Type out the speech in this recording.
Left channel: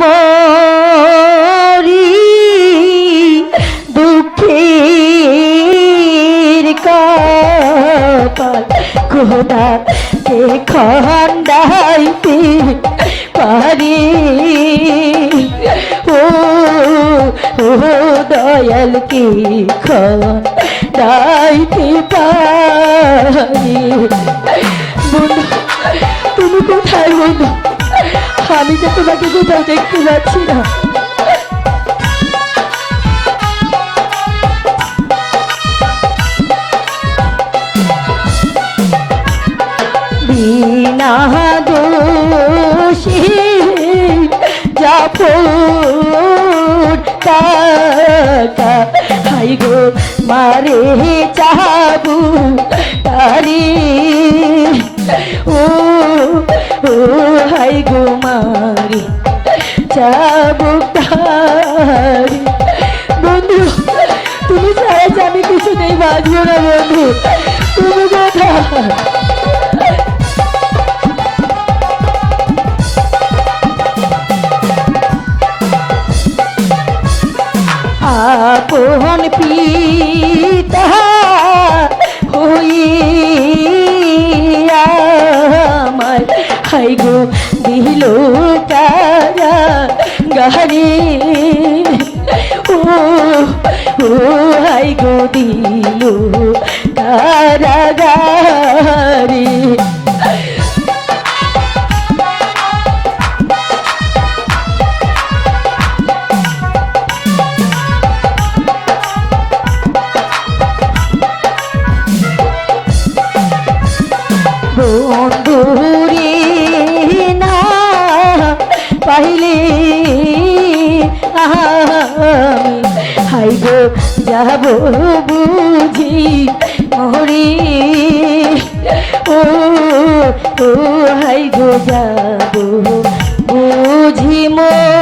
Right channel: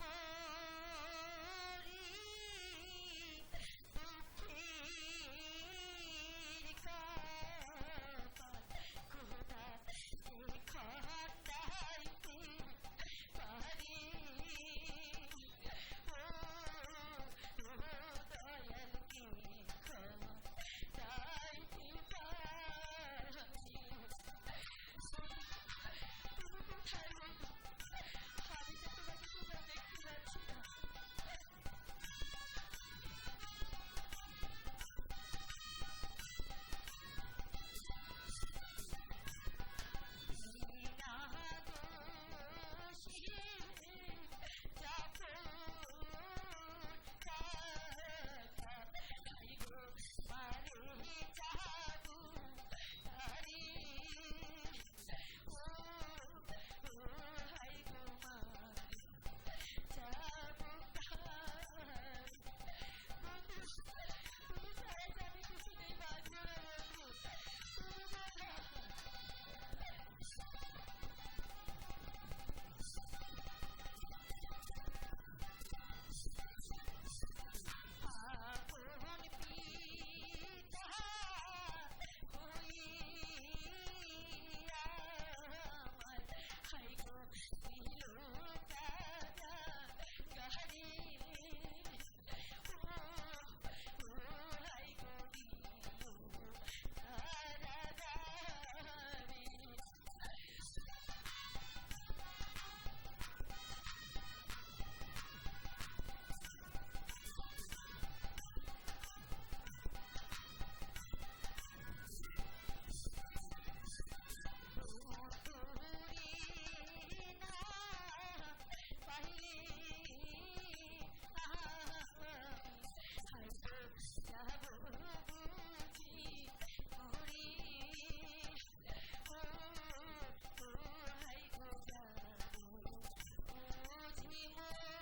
মরি দুঃখের কপাল। খোদা কে খন্ডাইতে পারি। ও ও দয়াল কি খন্ডাইতে পারি? আমি তো তোমাকে কোথাও দেখতে পাচ্ছি না। বিনা দোষী হাই গো মারে তারি। ও ও হাই গো মারে চাবু বন্ধু, তুমি ছাড়া আমি কিছুতেই বাঁচবো না বন্ধু। তুমি কোথায়? হাই গো দিল কারা গাহারি ও ও হাই গো দিল কারা গারি বন্ধুরে পাইলি হাইব যাব বুঝি মহরি। ও ও হাইব যাব বুঝি মরে